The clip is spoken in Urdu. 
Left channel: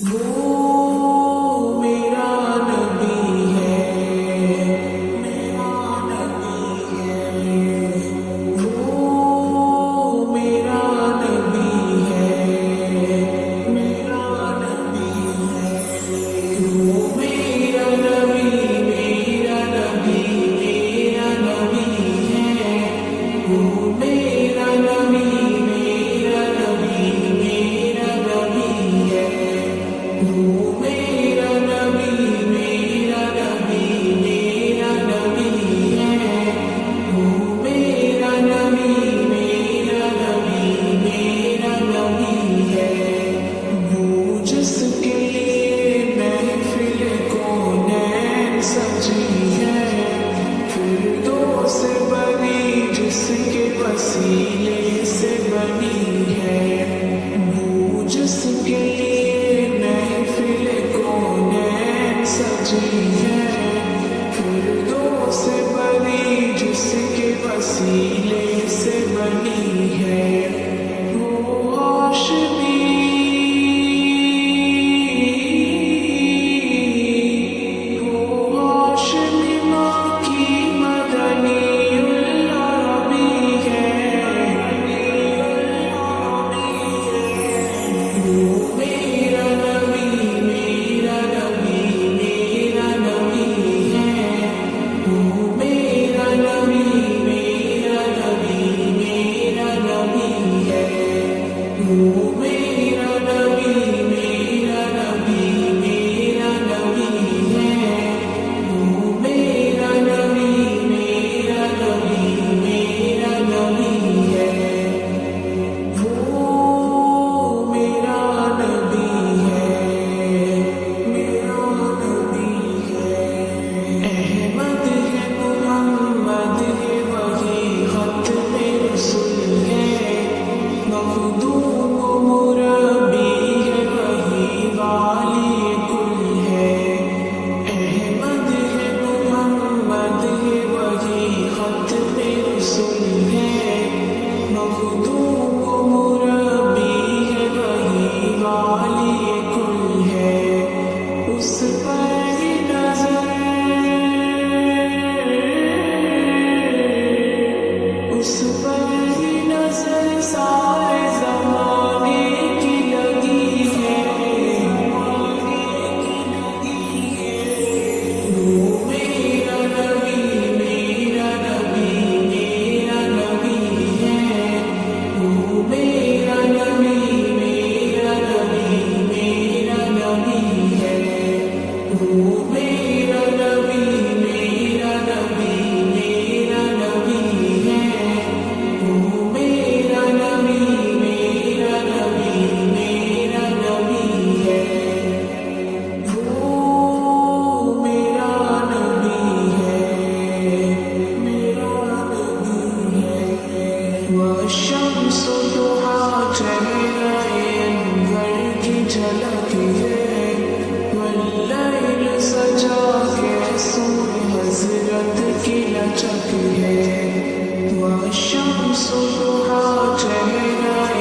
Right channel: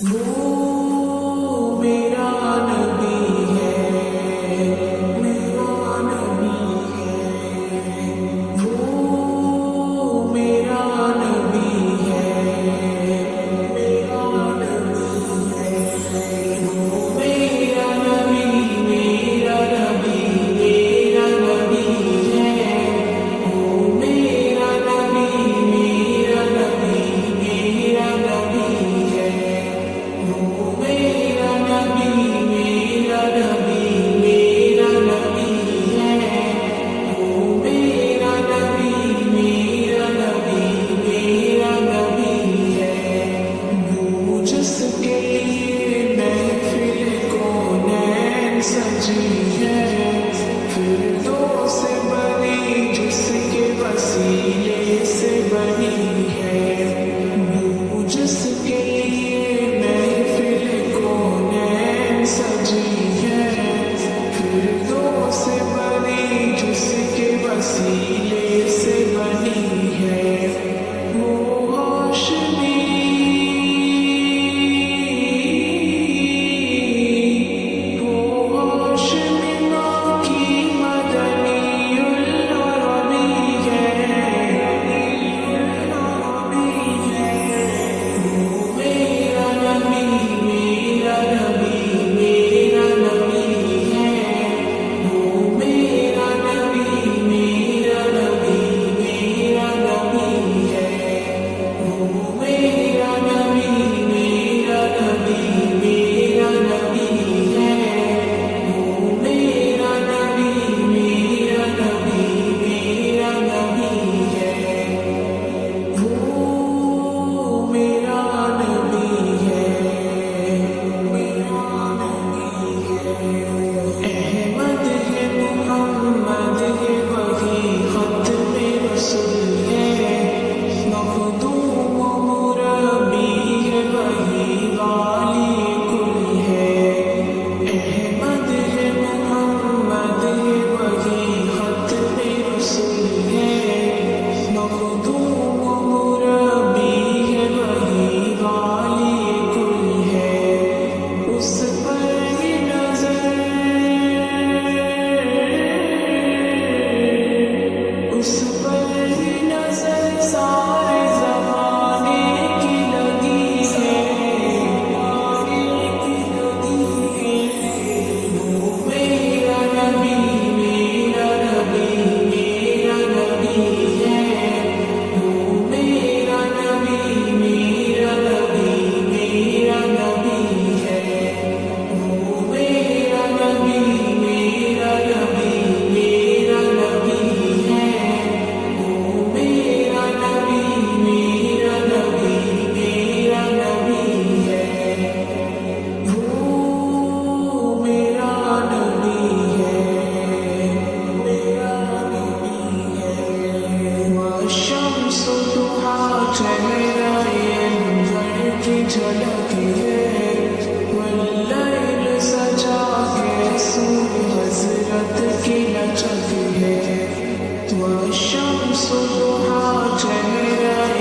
وہ میرا نبی ہے، میرا نبی ہے، وہ میرا نبی ہے، میرا نبی ہے، وہ میرا نبی، میرا نبی، میرا نبی ہے، وہ میرا نبی، میرا نبی، میرا نبی ہے، وہ میرا نبی، میرا نبی، میرا نبی ہے، وہ میرا نبی، میرا نبی، میرا نبی ہے، وہ جس کے لیے محفل کونین سجی ہے، فردوس سے بنی جس کے وسیلے سے بنی ہے، وہ جس کے لیے محفل کونین سجی ہے، فردوس سے بنی جس کے وسیلے سے بنی ہے، وہ ہاشمی، وہ ہاشمی ماں کی مدنی العربی ہے، وہ میرا نبی، میرا نبی، میرا نبی ہے، وہ میرا نبی، میرا نبی، میرا نبی ہے، وہ میرا نبی، میرا نبی، میرا نبی ہے، وہ میرا نبی، میرا نبی، میرا نبی ہے، وہ میرا نبی ہے، میرا نبی ہے، احمد ہے، محمد ہے، وہی ختم رسول ہے، مخدوم و مربی ہے، وہی والی کل ہے، احمد ہے، محمد ہے، وہی ختم رسول ہے، مخدوم و مربی ہے، وہی والی کل ہے، اس پر ہی نظر، اس پر ہی نظر سارے زمانے کی لگی ہے، وہ میرا نبی، میرا نبی، میرا نبی ہے، وہ میرا نبی، میرا نبی، میرا نبی ہے، وہ میرا نبی، میرا نبی، میرا نبی ہے، وہ میرا نبی، میرا نبی، میرا نبی ہے، وہ میرا نبی ہے، میرا نبی ہے، والشمس ضحیٰ چہرہ انور کی جھلک ہے، واللیل سجا کے سور حضرت کی لچک ہے، والشمس ضحیٰ چہرہ